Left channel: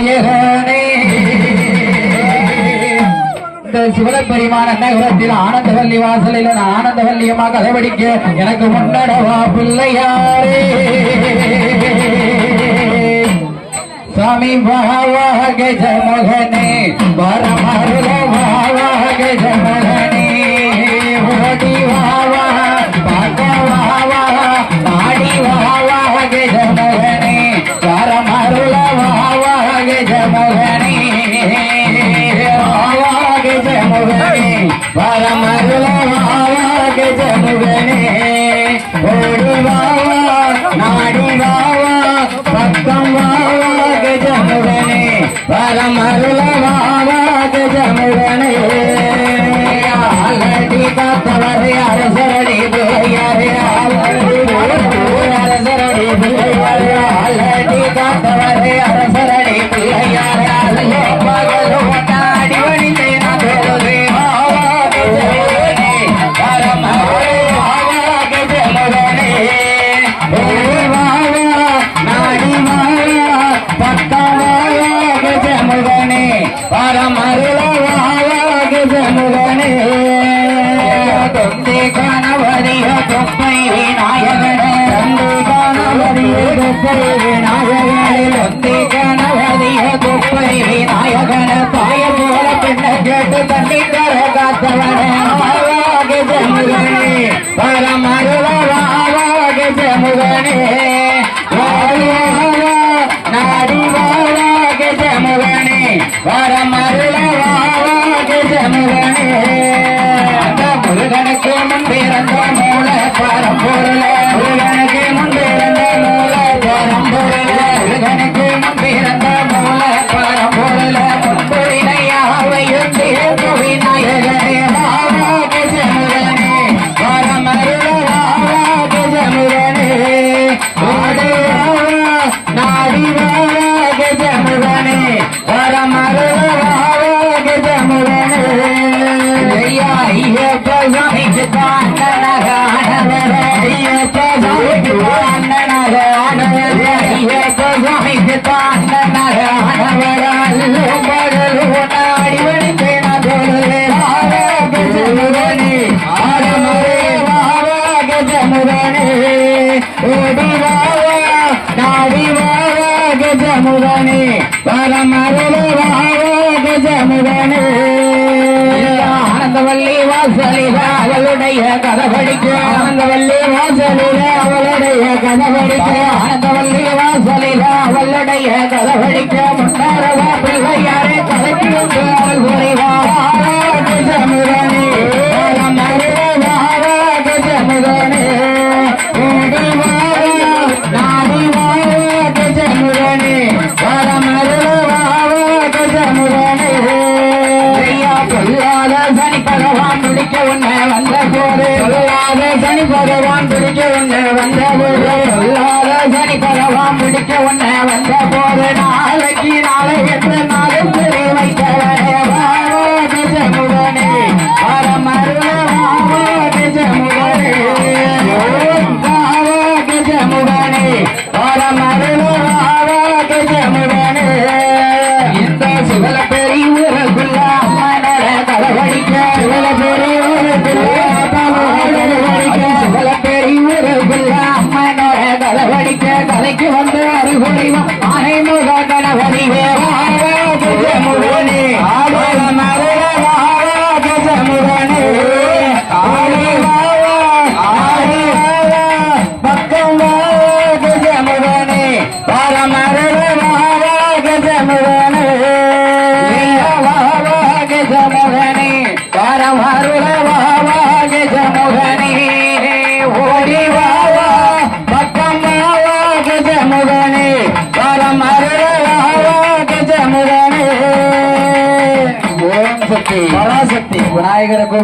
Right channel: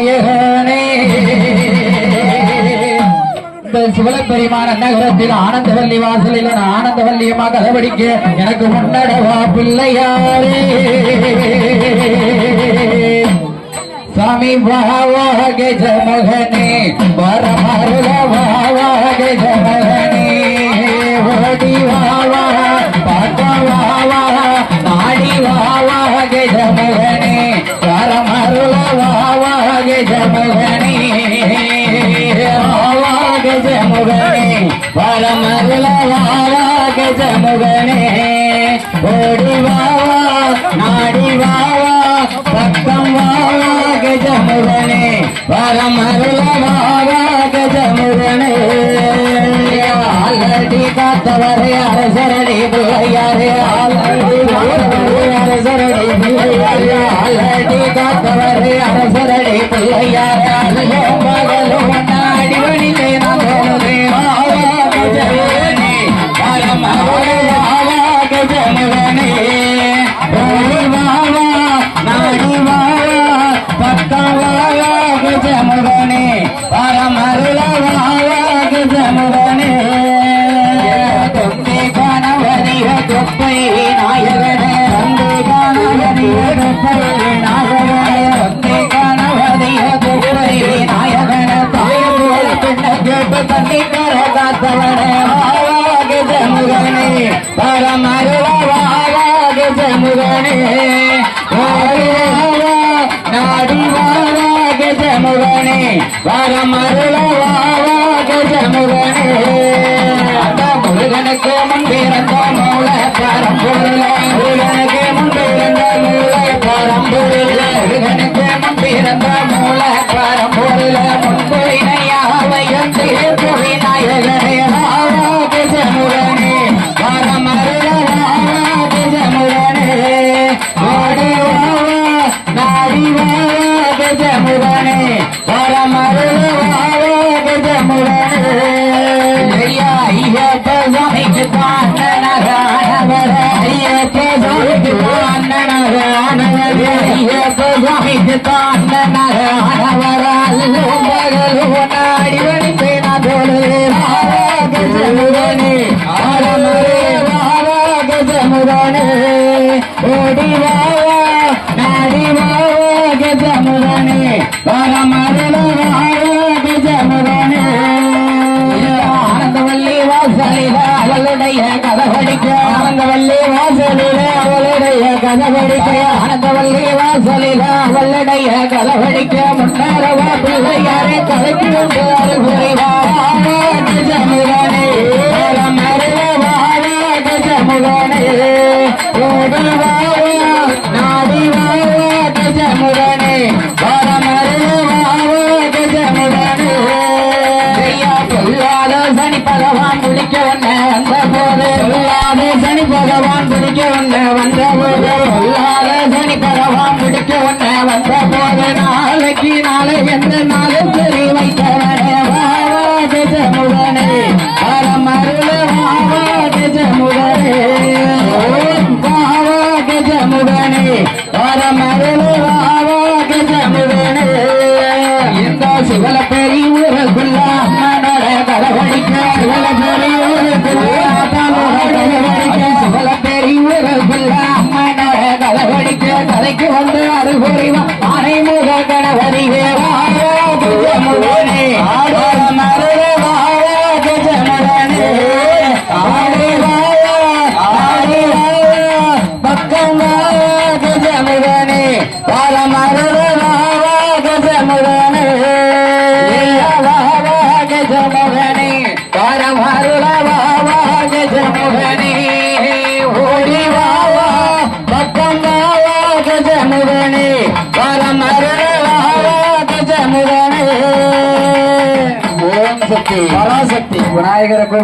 நாயகனே இந்த நகரத்தில் ஆனந்தவல்லி வாசலில் நான் ஆனந்தவல்லியமாக கதவடிக்க எனக்கு முன்னடவா பிள்ளையாரே. சாமி வாவா ஜமகனே கஜமுகனே வரமருள வாவா கஜமுகனே ஓடி வாவா நாடி வாவா பக்கம் வாவா கஜமுகனே வரமருள வாவா கஜமுகனே ஆல்ரெடி காத்தவரை அரசரடி பிள்ளையாரே பரமருள வாவா கஜமுகனே தொந்தி கணவதிக தொப்பை நாயகனே. தொந்தி கணவதிக தொப்பை நாயகனே. தொந்தி கணவதிக தொப்பை நாயகன. தாய போல பின்ன கேட்டு தண்ணி கர காத்தவனே. வாவா கஜமுகனே பரமருள வாவா முருகனுக்கு முன்பிறந்த மூல பரம்பொருள முருகனுக்கு முன்பிறந்த மூல பரம்பொருள முருகனுக்கு முன்பிறந்த மூல பரம்பொருள முன்பொழினையாவையும் சேர்த்து விநாயகனே வாவா கஜமுகனே பரமருள வாவா கஜமுகனே ஓடி வாவா நாடி கதவடிக்க ஆனந்தவல்லி வாசலில அவளுடைய கதவடிக்க அவளுடைய கதவடிக்க முன்னாரவா பிள்ளை Amen. கஜமுகனே பரமருள வாவா கஜமுகனே ஓடி வாவா பக்கம் வாவா கஜமுகனே பரமருள வாவா கஜமுகனே ஓம் சக்தி. பராசக்தி விநாயகருக்கு